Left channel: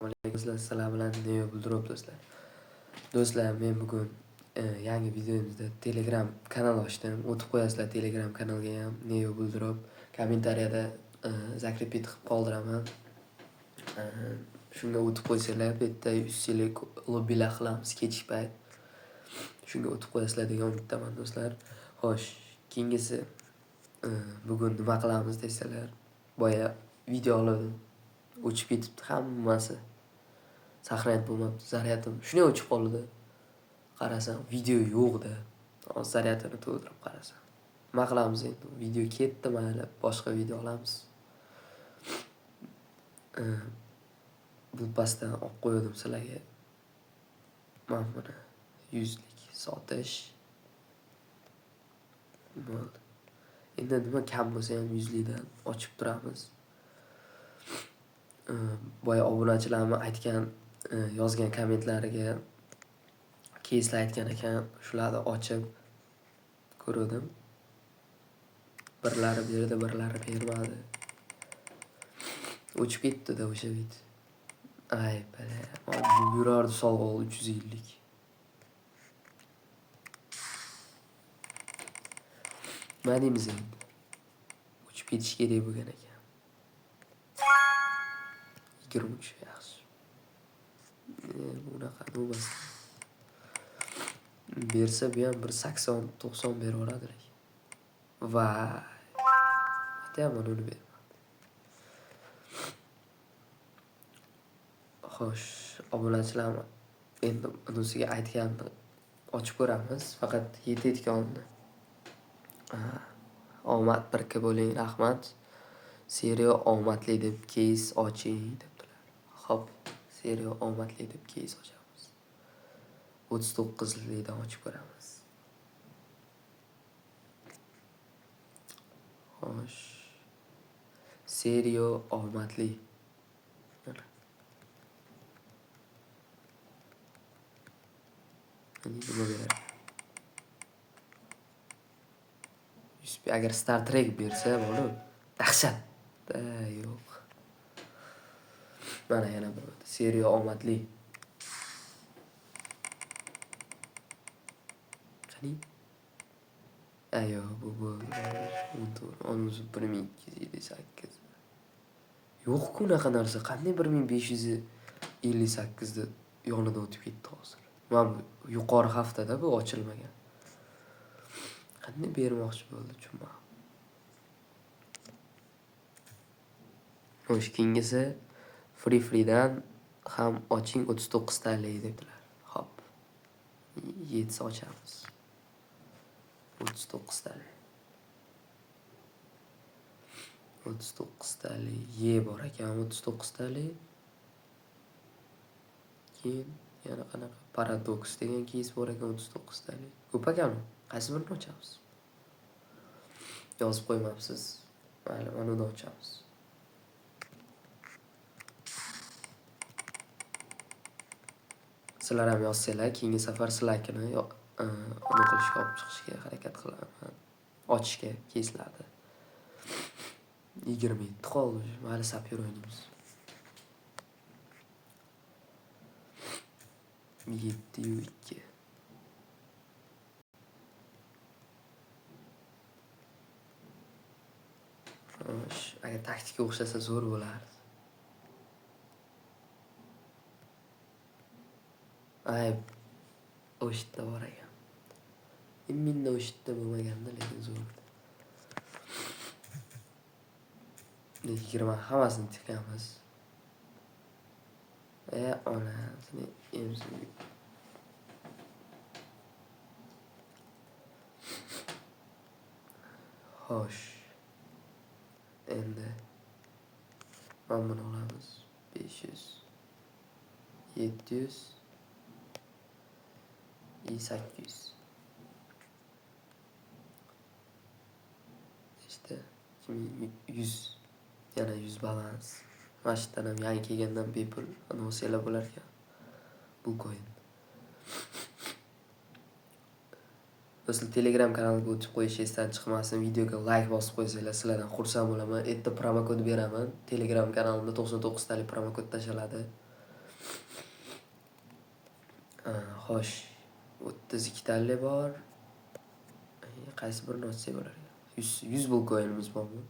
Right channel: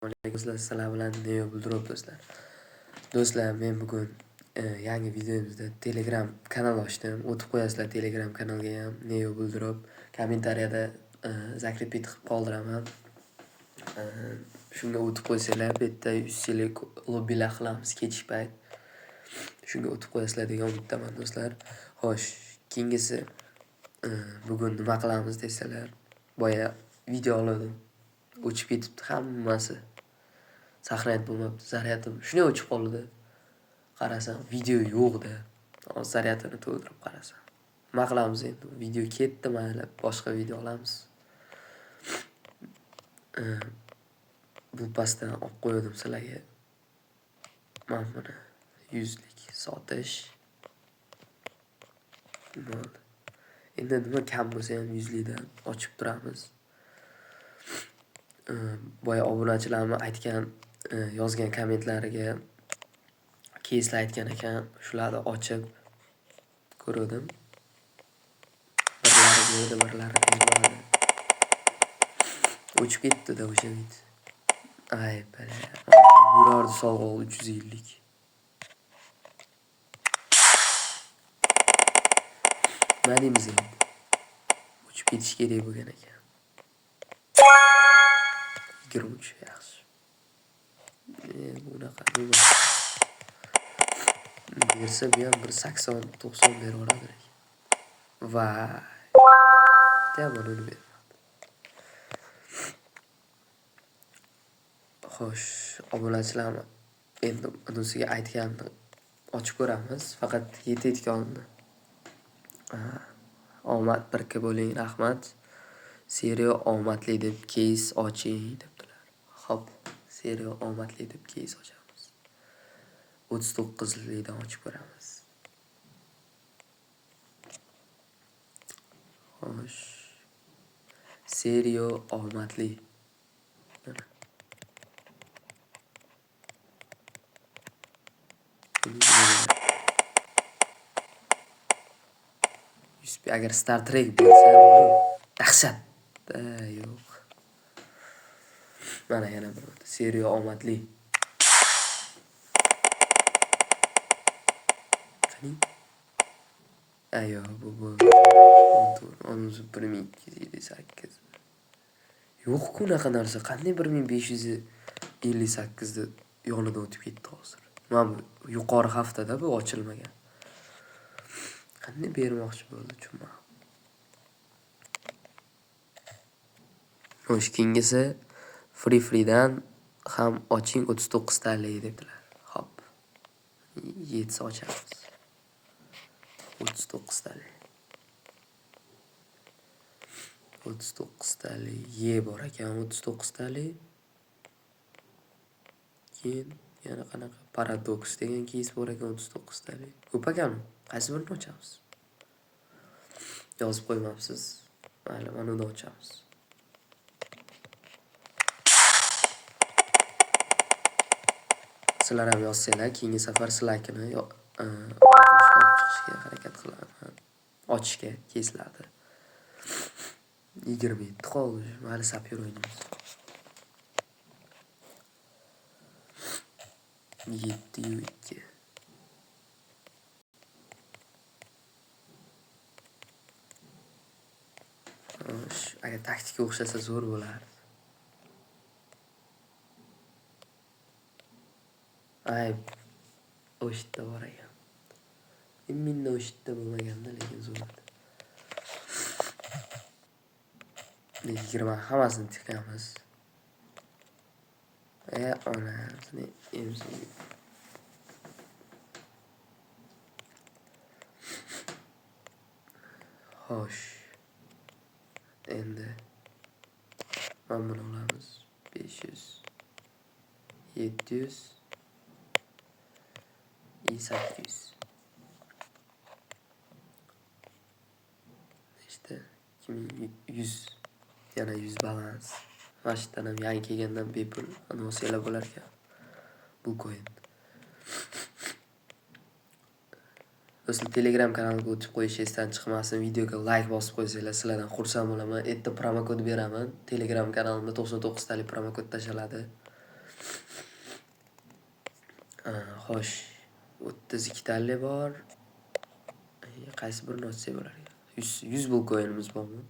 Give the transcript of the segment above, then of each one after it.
Alaykum sizlar bilan Neo Buldrop do'stlar. Do'stlar, men bugun yangi videomizda Telegram kanal ochdim. O'tib qo'yasizlar Telegram kanalga ham Neo Buldrop. Kommentariyada zakrepi qilib qoldiraman. Shunga o'tib qo'ysanglar, bu yerda 100 yillik lobbilar qilamiz kechki payt. Shunga o'tib qo'yasizlar degan umiddaman do'stlar. Xo'sh, keyingisi bugun nima qilamiz desalar, boya video oldim. O'chib ketibdi hammasi. Saqlanib bo'lmabdi, zaryadim shunday o'chib qoldi. Qarasam, video yo'q-da. Hozir zaryadini to'ldirib qarasam. Nima qilamiz endi? Video ketdi, mayli, boshqa video olamiz. Bu pastdan olib qo'ydim sizlarga. Mana buni 100 lik sotish. Bo'ldi. Endi nima kam bo'lsa ham 100 likdan ochib turamiz. Boya obunachilarimiz aytgan, yozgan kommentlariga keyslar aytgan ekan, shularni ochib ko'rdim. Birlari berdi, birlari bermadi. O'chib ketdi-da o'sha video. Ay bala, yurardi sovg'a 350 lik. Nima deymiz endi? O'chib ketish kerak bo'lgan ekan. 23 yaxshi. Bunaqa bo'lmasa. Bersa bu ham 180-90 beraveradi. Vay. Aytaman uni ber. Xo'sh, obunachilarni endi unisiga aytganini ochib ko'ramiz. Faqat yetayotganini. Omad birga bo'ling, rahmat. Seriya omadli deb keys oching debdilar. Xo'p, seriya omadli deb keys ochamiz. 39 likdan ochib ko'ramiz. Xo'sh. Seriya omadli. Agar Star Trek bersa, buni dahshat. Yo'q. Mana yana bir seriya omadli. Qani? Ayo, bu 1258. Yo'q-ku unaqa narsa. Qanday 1558 da yonidan o'tib ketdi hozir. Mana bu yuqori haftada bu ochilmagan. Qanday bermoqchi bo'ldi chunma. Xo'sh, keyingisi free-dan ham oching 39 talik dedilar. Xo'p. 7 ochamiz. 39 talik. 39 talik. Ye bor ekan 39 talik. Keyin yana qanaqa paradoks degan keys bor ekan 39 talik. Ko'p ekanmi? Qaysi birini ochamiz? Yozib qo'ymabsiz. Mayli, mana uni ochamiz. Sizlar ham yozsanglar, keyingi safar sizlarkini unutishga olib chiqishga harakat qilaman. Ochishga keyslarni. 27 qoldi. Mayli, sapyor o'ynaymiz. 7-2. Agar taktika o'xshasa zo'r bo'lardi. Ay, o'shitda bor ekan. Minda o'shitda bo'lmaganda, lekin zo'r. 20 hammasini tiklaymiz. Onasini emsin. Xo'sh. Endi mana buni olamiz. 500 700 800. İşte 2100 yana 100 balans. Mashtadan ham yangi kelgandan bepul anonsiyalar bo'lar ekan. Bu coin. Do'stlar, Telegram kanaliga o'tib qo'yish esdan chiqmasin. Videoga like bosib qo'ysanglar, sizlardan xursand bo'laman. Erta promokod beraman. Telegram kanalimda 99 talik promokod tashaladi. Xo'sh, 32 tali bor. Qaysi birini ochsak bo'lar ekan? 100 blok o'yinimiz bormi?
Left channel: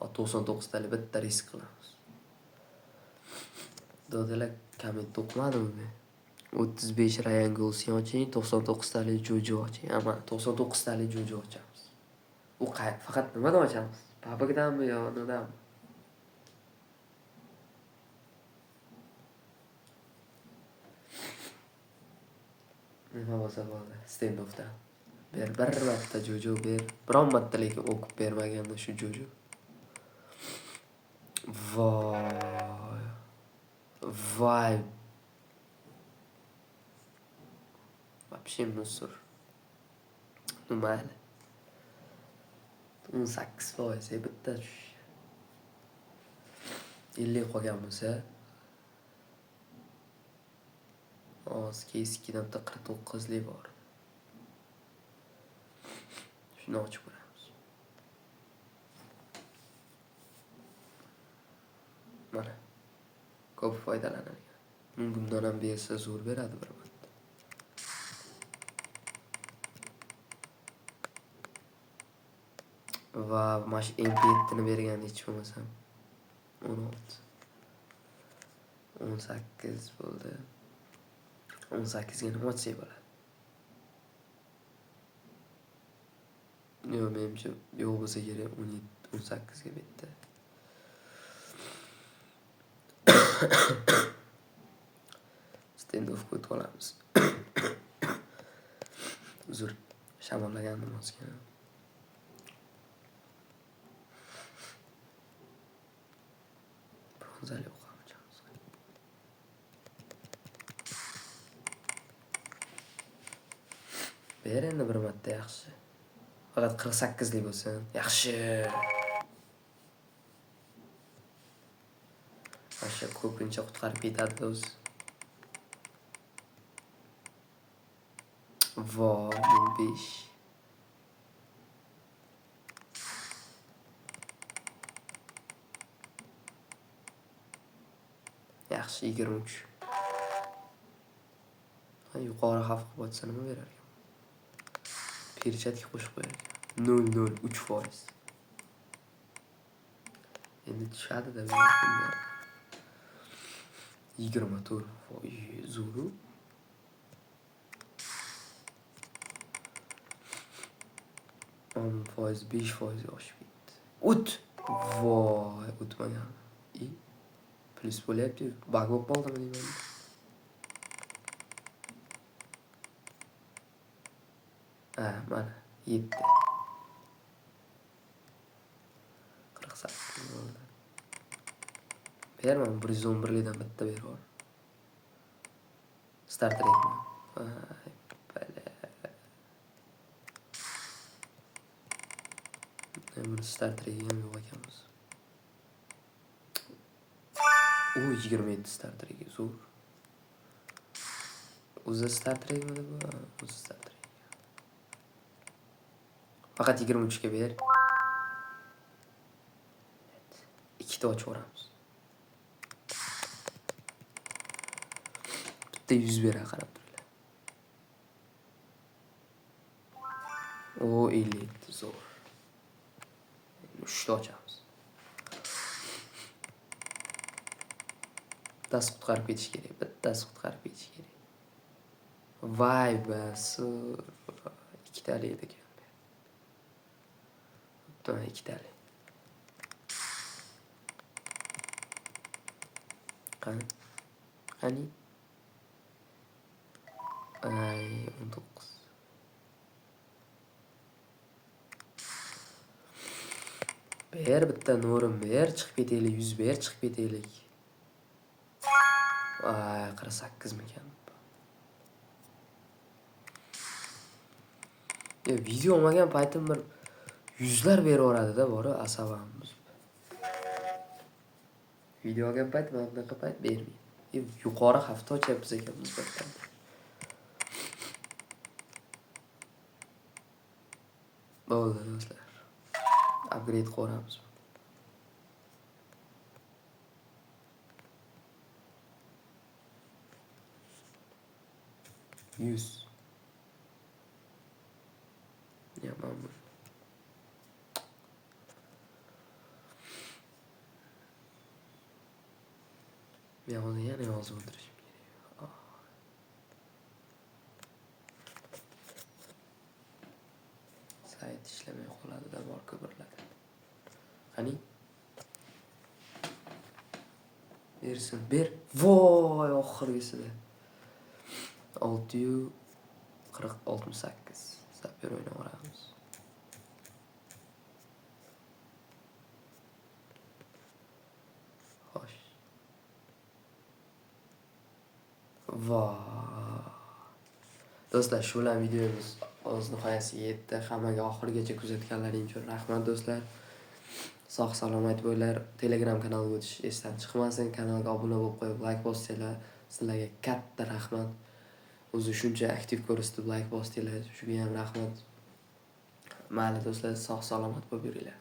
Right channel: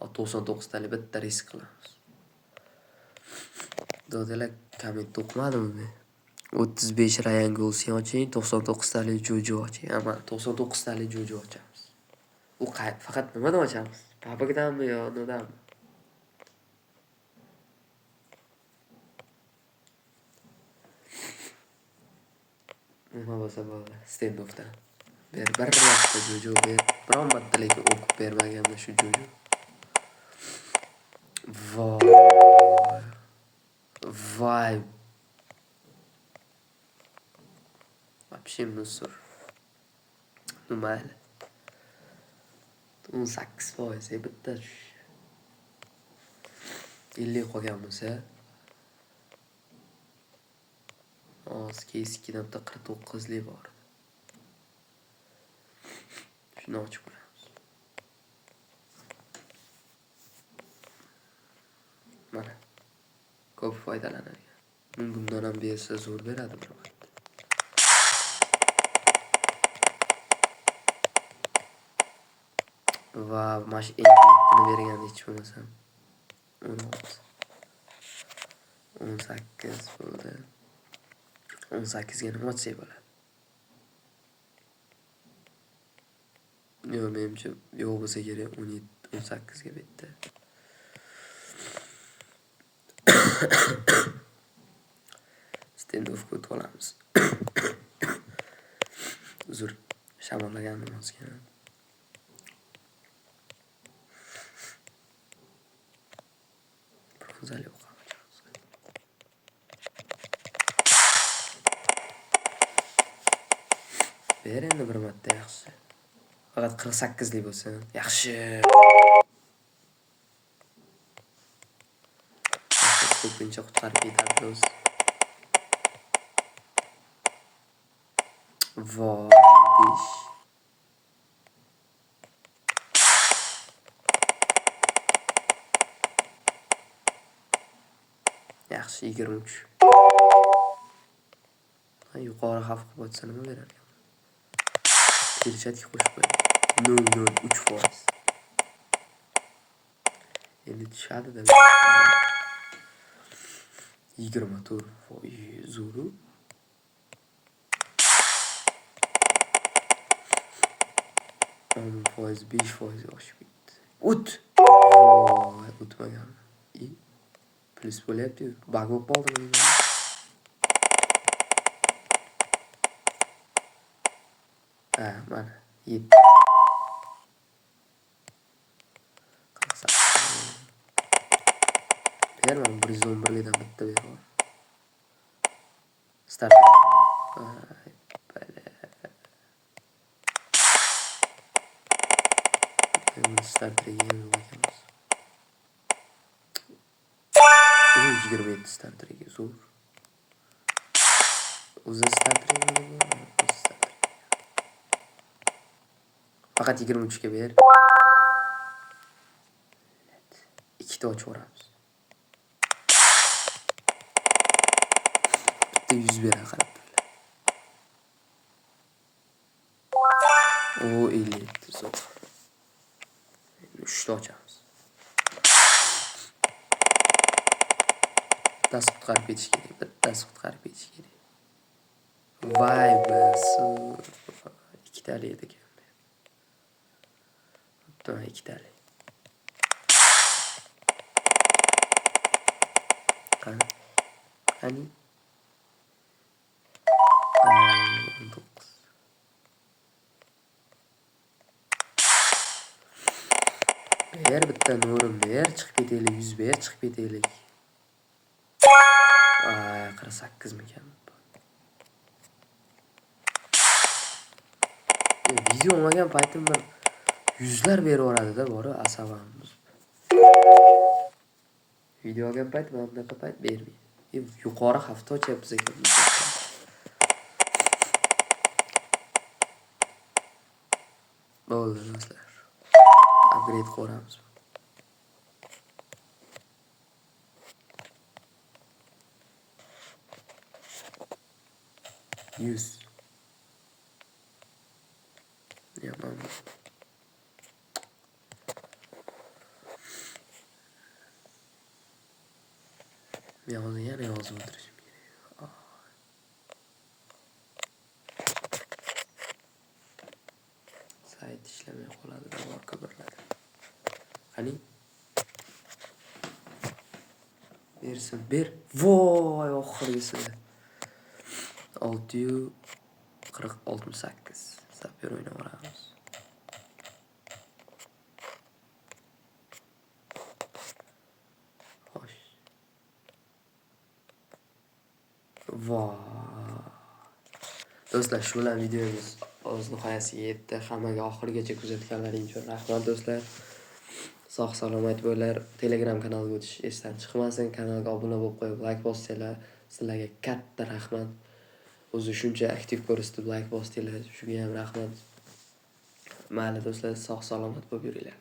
99 tali bitta risk qilamiz. Dodalar komment o'qimadimi men? 35 Ryan Gosling oching, 99 tali Jojo oching. Ama 99 tali Jojo ochamiz. U faqat nimadan ochamiz? Papakdanmi yo nimadanmi? Nima bo'lsa bo'ldi, stand-offdan. Bir marta Jojo ber. Biron marta lekin o'qib bermaganman shu Jojo. Voy. Voy. Вообще musor. Mayli. 18% bitta 50 qolgan bo'lsa, keskidan bitta 49 lik bor. Shuni ochib ko'ramiz. Mana. Ko'p foydalanadigan. Bundan ham bersa zo'r beradi bir marta. Va mash eng qiyinini bergan hech bo'lmasam 16. 18 bo'ldi. 18 ga nima ochsak bo'ladi? Yo'q, menimcha yo'q bo'lsa kerak 17, 18 ga bitta. Stand-offga o'tib olamiz. Uzr, shamollagandim ozgina. Bronzali o'qamiz. Ber endi bir marta yaxshi. Faqat 48 lik bo'lsin. Yaxshi. Ko'pincha qutqarib ketadi do'st. Voy, 5. Yaxshi, 23. Yuqori xavf qilib o'tsa nima berar ekan? Perchatga qo'shib qo'ying. 0.03%. Endi tushadi-da. 24. Voy, zo'ru. Foiz 5% oshib ketdi. O't. Voy, o'tmagan. Plus bo'lyapti. Bug bo'lib qoldimi? Mana 7. Berman 111 likdan bitta berib. Start qilayapman. Start qilayapmiz. 27 start qilayapmiz. Zo'r. O'zi start qilayapmiz. Faqat 23 ga ber. Ikkita ochib o'ramiz. Bitta 100 berar qarab. O 50 zo'r. 3 ta ochamiz. Bittasi qutqarib ketish kerak. Bittasi qutqarib ketish kerak. Voy basu. 2 tali edi ekan. Bitta 2 tali. Qani? 19. Ber bitta nurim ber, chiqib ketaylik, 100 ber, chiqib ketaylik. 48 mikan? Video olmagan paytim bir yuzlar beraveradi-da, bori asabamiz. Video olgan payt mana bunaqa payt bermaydi. Yuqori hafta ochyapmiz ekan. Bo'ldi do'stlar. Upgrade qilamiz. 100. Yaman bu. Yana yozib o'tirishim kerak. Sayt ishlamay qoladi, davor ko'piriladi. Qani? Bersin, ber. Voy, oxirgisida. 668. Sapyor o'ynaveramiz. Xo'sh. Voy. Do'stlar, shu bilan videomiz o'z nihoyasiga yetdi. Hammaga oxirigacha kuzatganlaring uchun rahmat do'stlar. Sog' salomat bo'linglar. Telegram kanaliga o'tish esdan chiqmasin. Kanalga obuna bo'lib qo'yib, like bosinglar. Sizlarga katta rahmat. O'zi shuncha aktiv ko'rsatib like bosdinglar. Shunga ham rahmat. Mayli do'stlar, sog' salomat bo'lib yuringlar.